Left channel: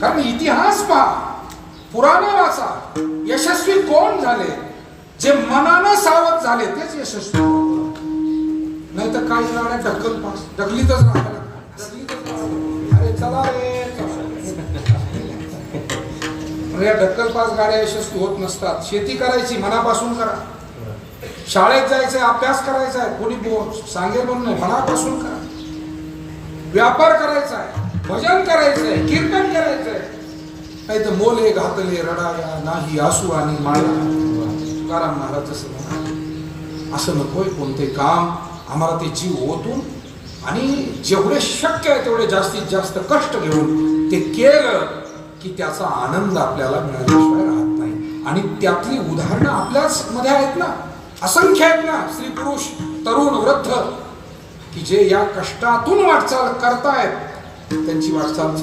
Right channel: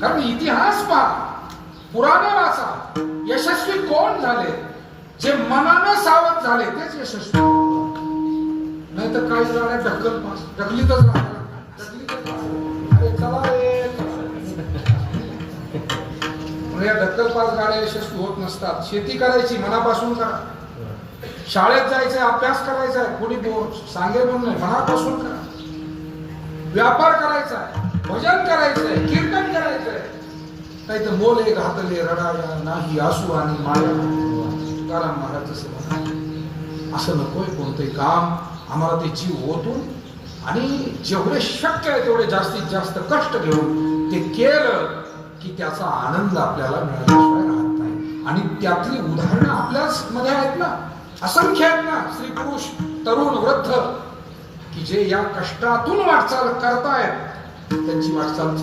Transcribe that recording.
कारण इतिहास पहा, पुराण वाचा, यशस्वी कोण झाले? जे मनानं सावध झाले तेच यशस्वी. नाही तर काही गाड्या ढकल पास ढकलीतच राहतात. अरे चला रे या ढक्कल पास गाड्या यशस्वी होत नसतात. शेती करायची मनापासून करा. शाळेत जायचंय, अभ्यास करायचा आहे, कोणी सांगेल म्हणून नाही, मनापासून करा. व्यापार करायचा आहे, भजन करायचंय, कीर्तन करायचंय. काही तर मोले घातले रडाया नाही आसू आणि माया. तुकाराम महाराज असं नकोय. कोणते काम आम्हाला ते जीव ओतून आणि जेवढे शक्य आहे तेवढे जास्तीत जास्त कष्ट घेऊन ते केलं की त्याचा आनंद आपल्याला मिळाल्याशिवाय राहत नाही. आणि त्यातली उदाहरणं आपल्याच मध्ये आहेत ना, असंख्य आहेत ना. स्त्री पुरुष तरुण वृद्ध की जे या कष्टातून वाटचाल करतायत, त्यांची वाटचाल